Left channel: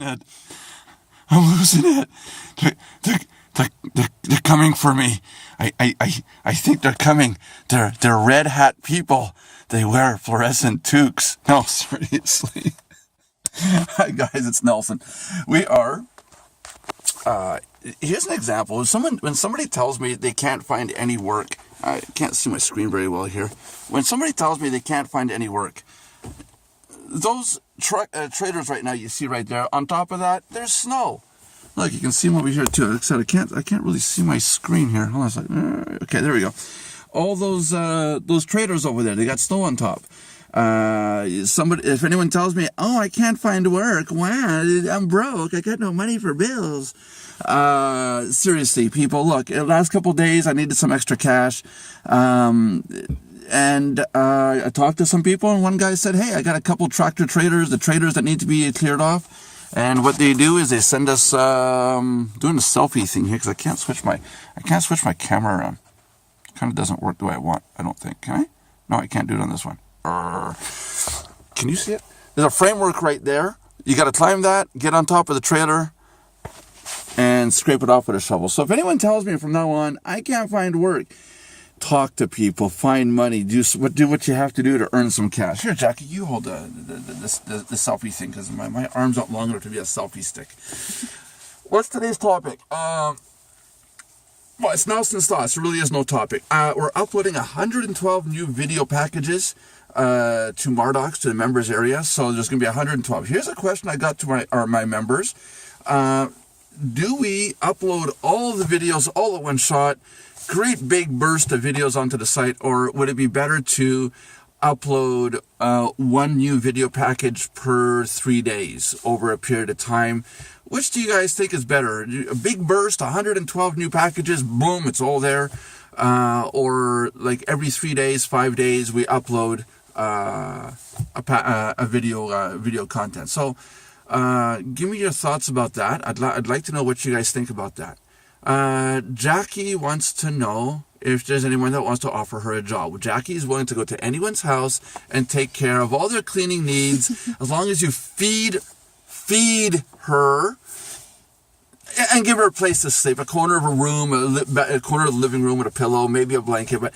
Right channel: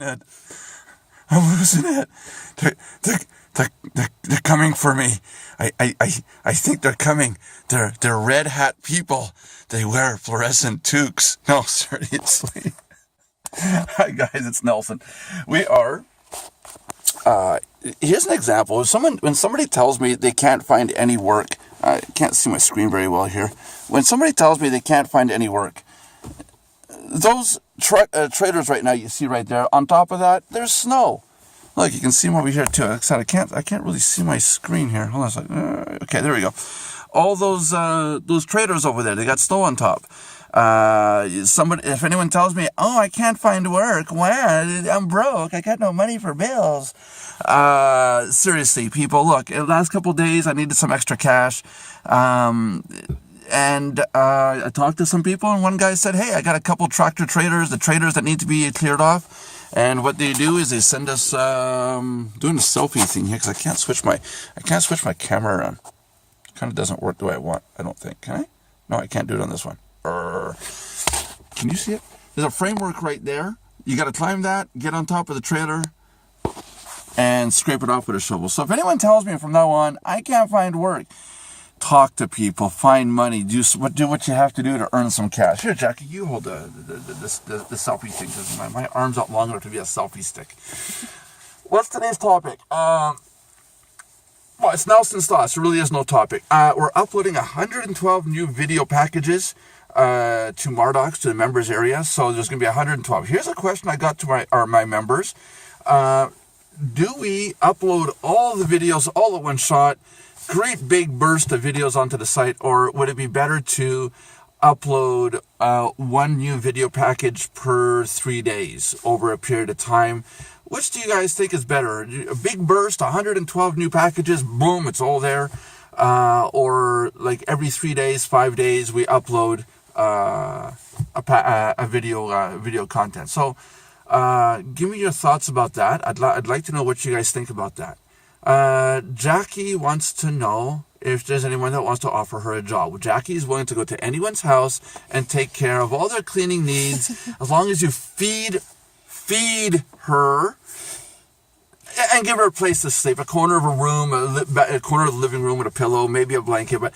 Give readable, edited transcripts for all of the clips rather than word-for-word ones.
it. I'm losing it. They're coming for me. I think they're coming. They're red hat people. They wear fluorescent toques. No, seriously. Hi guys, it's Nelson. We are. Here's an example. When somebody tells me they can't find any work, I can't see my screen very well here. When somebody tells me they can't find any work, those traders right now, you see right there, on top of that, there's snow. Look, you can see them over here too. Like I said, I can't really see my screen here. Hold on a second. Okay, there we go. All those traders over there, they got snow on top. If anyone tells me, oh, I can't find work, wow, I'm broke, I got no money for bills. Seriously, people, look, the last couple of days, I needed some extra cash. And I talked to some people, and one guy said, hey, I got a couple tractor traders, the traders that need to be cleared off. And what they do is they send us, doing a selfie thing here, because I can't switch my camera around. Kind of doesn't work the way I want, I don't think. Can I? No, I can't do it on this one. Can you see it? There's a framework right there. You got to climb that, get on top of the trailer, and scrape it off with a shovel. So if anyone tells me from now on, I can't find work, talk to people, find money, do what you have to do to earn some cash. Here, Jackie, you hold the selfie thing, because my arm's not long enough to be a selfie stick. What's today's topic? Well, it's Nelson's Thoughts. There really is no topic. We're uploading 112 new video packages to Mardocs, to the members area. So there's going to be 112. Here's a question I got to my members. Do we upload all the videos all at one shot, great big burst of videos onto the site, or would it be better to upload one new video package per 3 days over a period of time? Which do you guys think is better? A big burst, 112 new packages, boom, it's all there. Or like every 3 days, 5 days, we upload a video content. So give me your thoughts about that. I'd like to know what you guys think about that. Jackie wants to know if there's anyone that wants to offer her a job. Well, Jackie is willing to go to anyone's house and take care of all their cleaning needs, as long as you feed her and give her a place to sleep, a corner of a room, a corner of the living room with a pillow, maybe a blanket, but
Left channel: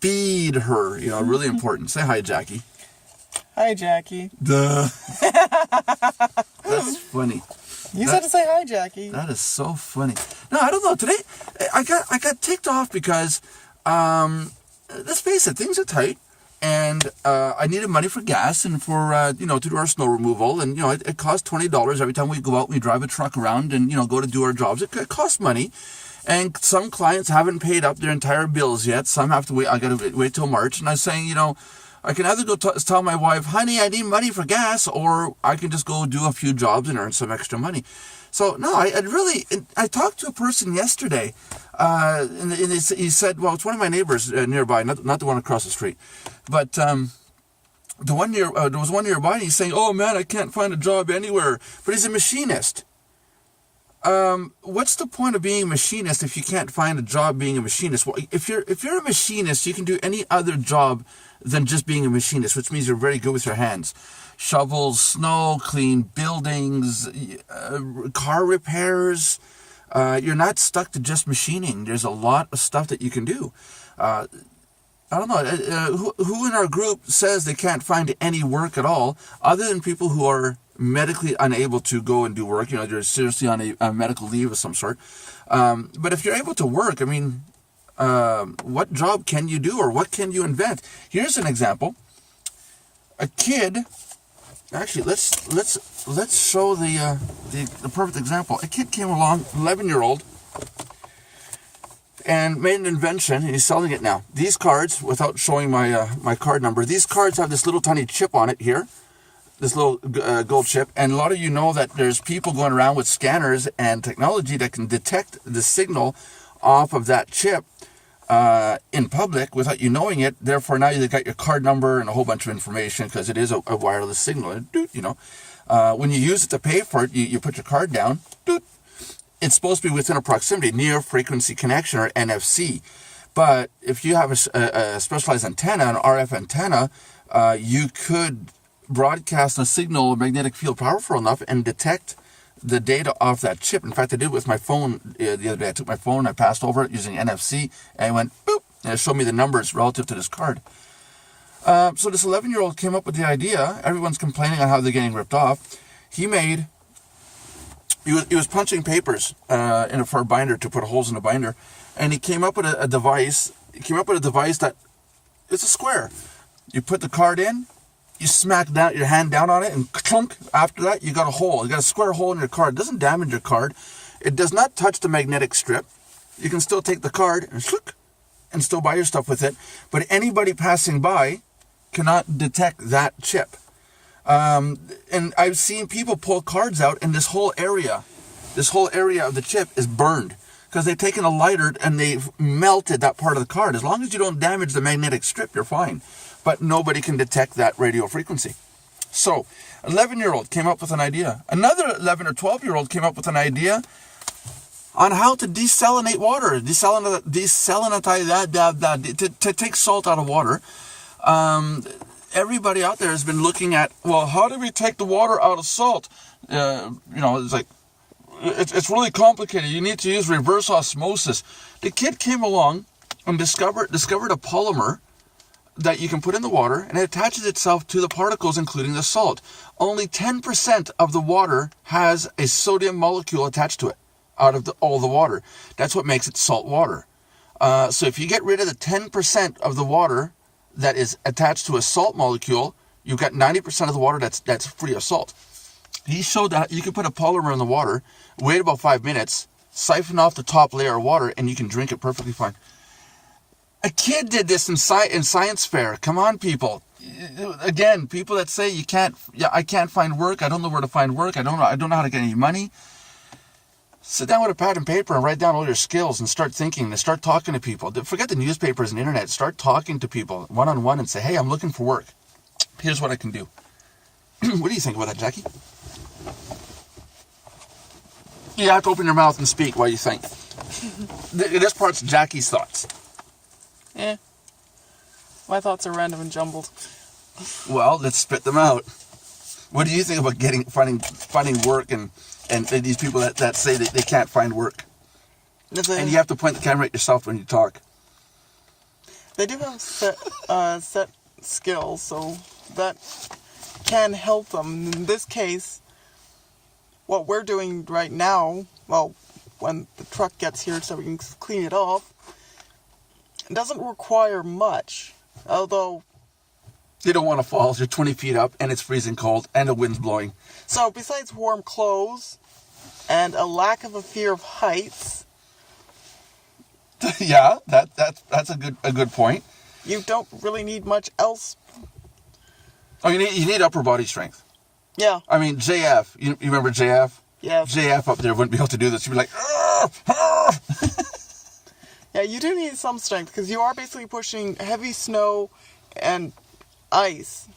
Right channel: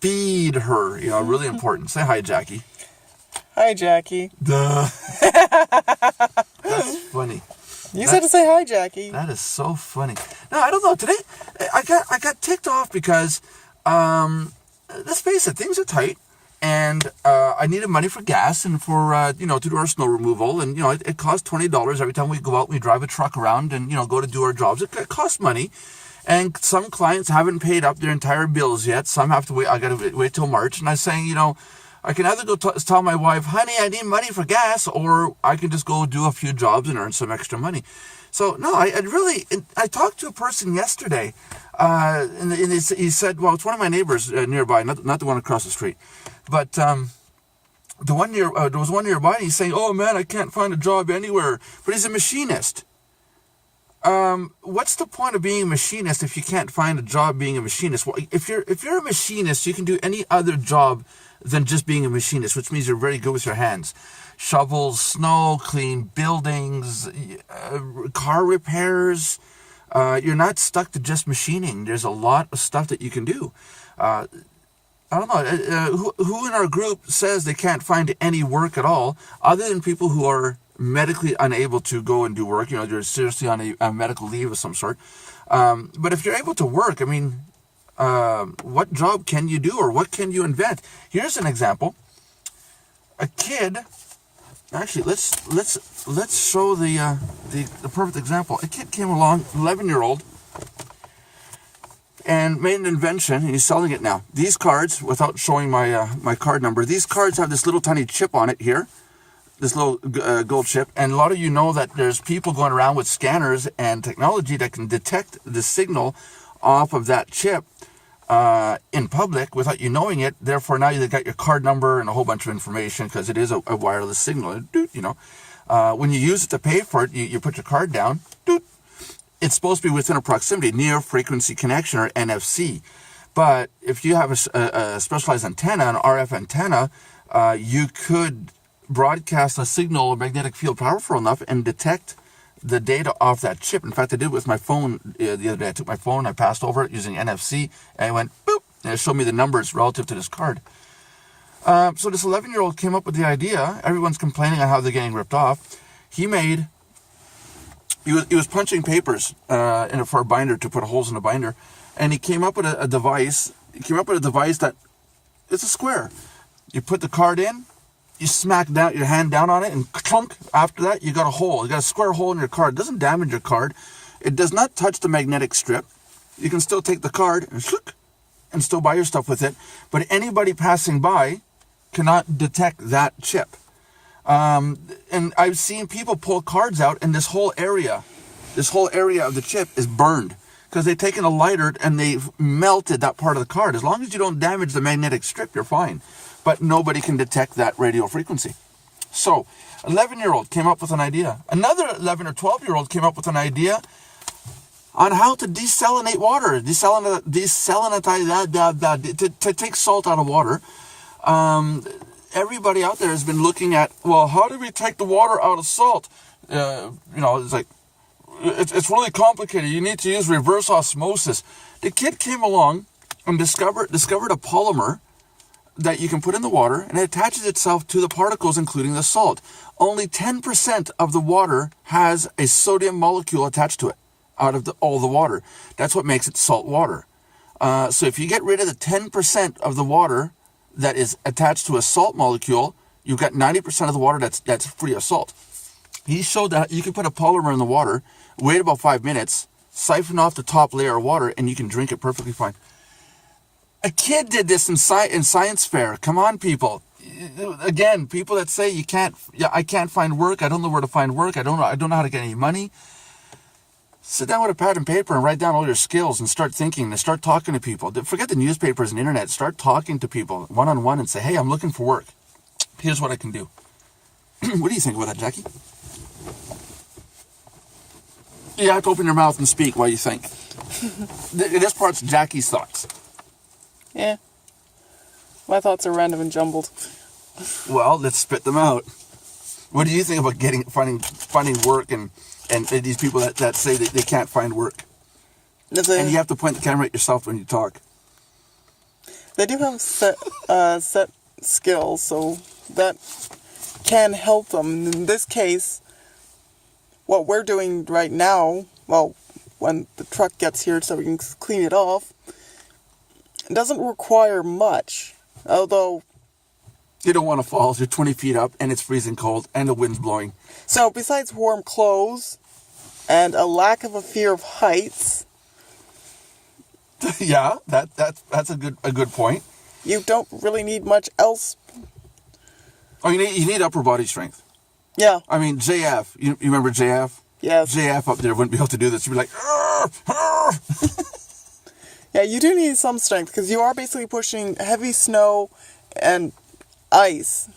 feed her, really important. Say hi, Jackie. Hi, Jackie. Duh. That's funny. You said to say hi, Jackie. That is so funny. No, I don't know. Today, I got ticked off because, let's face it, things are tight. And I needed money for gas and for, to do our snow removal. And, it costs $20 every time we go out and we drive a truck around and, go to do our jobs. It costs money. And some clients haven't paid up their entire bills yet. Some have to wait. I got to wait till March. And I was saying, I can either go tell my wife, honey, I need money for gas, or I can just go do a few jobs and earn some extra money. So, no, I talked to a person yesterday, and he said, well, it's one of my neighbors nearby, not the one across the street, but there was one nearby, and he's saying, oh, man, I can't find a job anywhere, but he's a machinist. What's the point of being a machinist if you can't find a job being a machinist? Well, if you're a machinist, you can do any other job than just being a machinist, which means you're very good with your hands. Shovels, snow, clean buildings, car repairs. You're not stuck to just machining. There's a lot of stuff that you can do. I don't know. Who in our group says they can't find any work at all, other than people who are medically unable to go and do work? They're seriously on a medical leave of some sort. But if you're able to work, what job can you do, or what can you invent? Here's an example. A kid. Actually, let's show the perfect example. A kid came along, 11-year-old, and made an invention, and he's selling it now. These cards, without showing my card number, these cards have this little tiny chip on it here, this little gold chip, and a lot of you know that there's people going around with scanners and technology that can detect the signal off of that chip in public without you knowing it. Therefore, now you've got your card number and a whole bunch of information, because it is a wireless signal. When you use it to pay for it, you put your card down. It's supposed to be within a proximity, near frequency connection, or NFC. But if you have a specialized antenna, an RF antenna, you could broadcast a signal, a magnetic field powerful enough, and detect the data off that chip. In fact, I did it with my phone the other day. I took my phone, I passed over it using NFC, and I went, boop, and it showed me the numbers relative to this card. So this 11-year-old came up with the idea. Everyone's complaining on how they're getting ripped off. He was punching papers for a binder to put holes in the binder, and he came up with a device. He came up with a device that it's a square. You put the card in, you smack down your hand down on it, and clunk. After that, you got a hole. You got a square hole in your card. It doesn't damage your card. It does not touch the magnetic strip. You can still take the card and still buy your stuff with it. But anybody passing by cannot detect that chip. And I've seen people pull cards out, and this whole area of the chip is burned because they've taken a lighter and they've melted that part of the card. As long as you don't damage the magnetic strip, you're fine. But nobody can detect that radio frequency. So, 11-year-old came up with an idea. Another 11 or 12-year-old came up with an idea on how to desalinate water, to take salt out of water. Everybody out there has been looking at, well, how do we take the water out of salt? It's like, it's really complicated. You need to use reverse osmosis. The kid came along and discovered a polymer that you can put in the water, and it attaches itself to the particles, including the salt. Only 10% of the water has a sodium molecule attached to it out of all the water. That's what makes it salt water. So if you get rid of the 10% of the water that is attached to a salt molecule, you've got 90% of the water that's free of salt. He showed that you can put a polymer in the water, wait about 5 minutes, siphon off the top layer of water, and you can drink it perfectly fine. A kid did this in science fair. Come on, people. Again, people that say I can't find work. I don't know where to find work. I don't know how to get any money. Sit down with a pad and paper and write down all your skills and start thinking and start talking to people. Forget the newspapers and internet. Start talking to people one-on-one and say, hey, I'm looking for work. Here's what I can do. What do you think about that, Jackie? You have to open your mouth and speak while you think. This part's Jackie's thoughts. Yeah. My thoughts are random and jumbled. Well, let's spit them out. What do you think about finding work and these people that say they can't find work? And you have to point the camera at yourself when you talk. They do have set skills, so that can help them. In this case, what we're doing right now, well, when the truck gets here so we can clean it off, it doesn't require much, although... You don't want to fall. You're 20 feet up, and it's freezing cold, and the wind's blowing. So, besides warm clothes and a lack of a fear of heights... Yeah, that's a good point. You don't really need much else. Oh, you need upper body strength. Yeah. I mean, JF. You remember JF? Yes. JF up there wouldn't be able to do this. You'd be like, arr, arr. Yeah, you do need some strength, because you are basically pushing heavy snow and ice.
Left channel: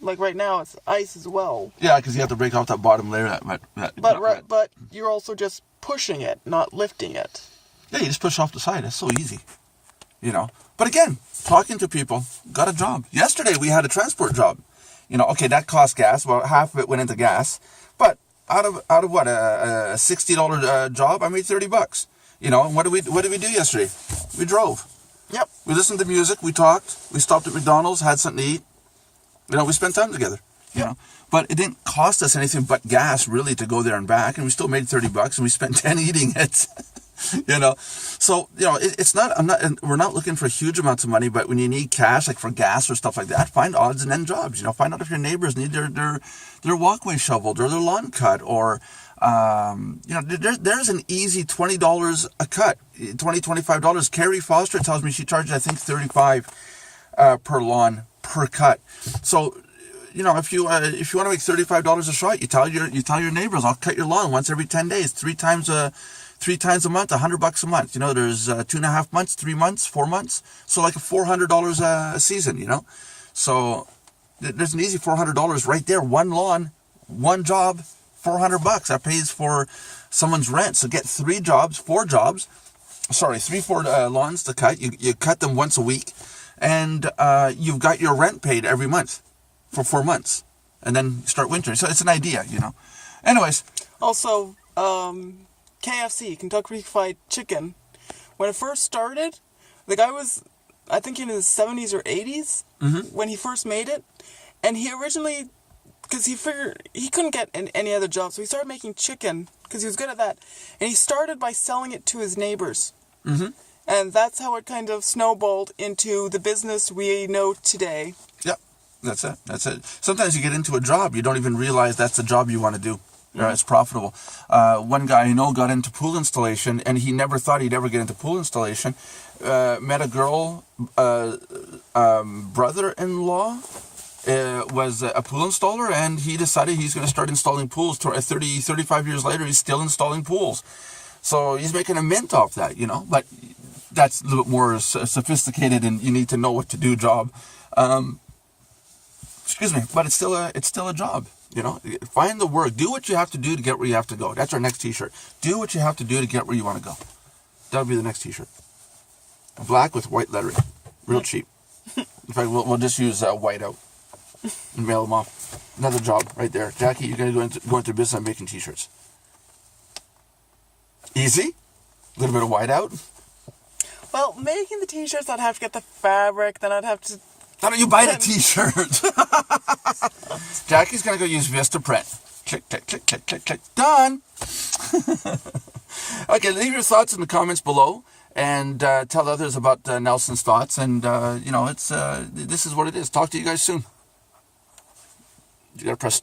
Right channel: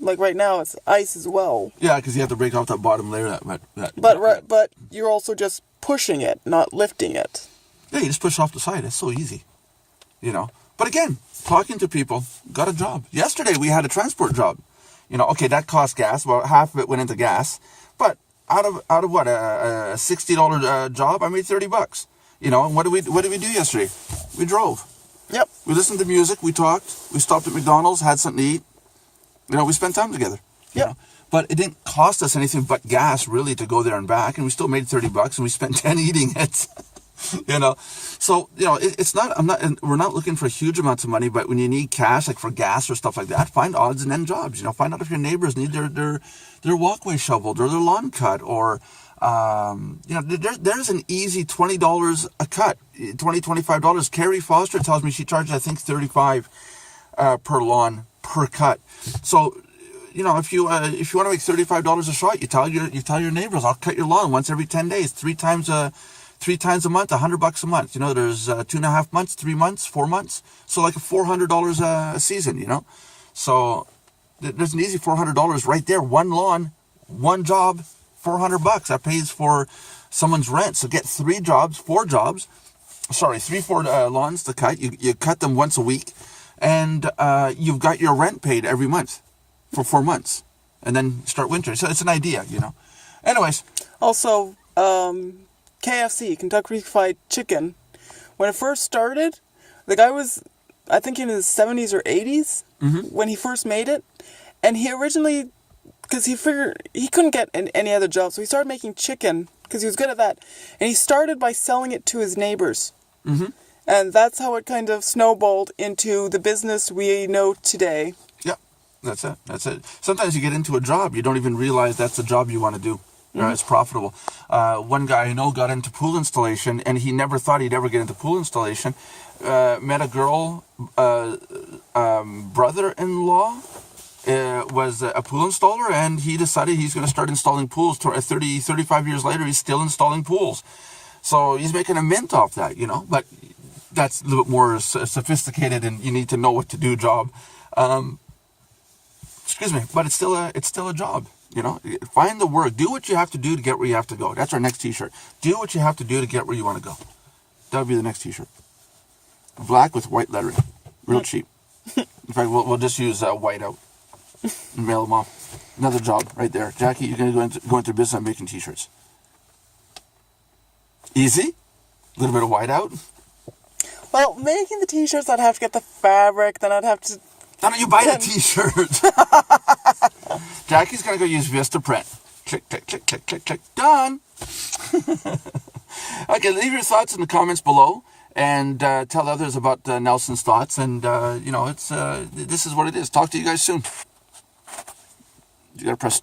Like right now, it's ice as well. Yeah, because you have to break off that bottom layer. But you're also just pushing it, not lifting it. Yeah, you just push off the side. It's so easy, But again, talking to people, got a job. Yesterday we had a transport job. Okay, that cost gas. Well, half of it went into gas. But out of what, a $60 job, I made $30. And what did we do yesterday? We drove. Yep. We listened to music. We talked. We stopped at McDonald's, had something to eat. We spent time together. Yeah. But it didn't cost us anything but gas, really, to go there and back. And we still made $30, and we spent 10 eating it. So it's not. We're not looking for huge amounts of money, but when you need cash, like for gas or stuff like that, find odds and end jobs. Find out if your neighbors need their walkway shoveled or their lawn cut, or there's an easy $20 a cut, $25. Carrie Foster tells me she charges, I think, $35 per lawn per cut. So, if you want to make $35 a shot, you tell your neighbors, I'll cut your lawn once every 10 days, three times a month, $100 a month. There's 2.5 months, 3 months, 4 months. So like $400 a season, So there's an easy $400 right there. One lawn, one job, $400. That pays for someone's rent. So get 4 lawns to cut. You cut them once a week, and you've got your rent paid every month for 4 months, and then start winter. So it's an idea, Anyways. Also, KFC, Kentucky Fried Chicken. When it first started, the guy was, I think, in his 70s or 80s when he first made it. And he originally, because he figured he couldn't get any other job, so he started making chicken because he was good at that. And he started by selling it to his neighbors. Mm-hmm. And that's how it kind of snowballed into the business we know today. Yeah, that's it. That's it. Sometimes you get into a job, you don't even realize that's the job you want to do. It's profitable. One guy I know got into pool installation, and he never thought he'd ever get into pool installation. Met a girl, brother-in-law was a pool installer, and he decided he's going to start installing pools. 35 years later, he's still installing pools. So he's making a mint off that, you know. But that's a little bit more sophisticated, and you need to know what to do job. Excuse me, but it's still a job. You know, find the work. Do what you have to do to get where you have to go. That's our next T-shirt. Do what you have to do to get where you want to go. That'll be the next T-shirt. Black with white lettering, real cheap. In fact, we'll just use white out and mail them off. Another job right there. Jackie, you're going to go into business on making T-shirts. Easy. A little bit of white out. Well, making the T-shirts, I'd have to get the fabric. Then I'd have to. How do you buy the T-shirt? Jackie's going to go use Vistaprint. Click, click, click, click, click, click. Done. Okay, leave your thoughts in the comments below and tell others about Nelson's thoughts. And, it's this is what it is. Talk to you guys soon. You got to press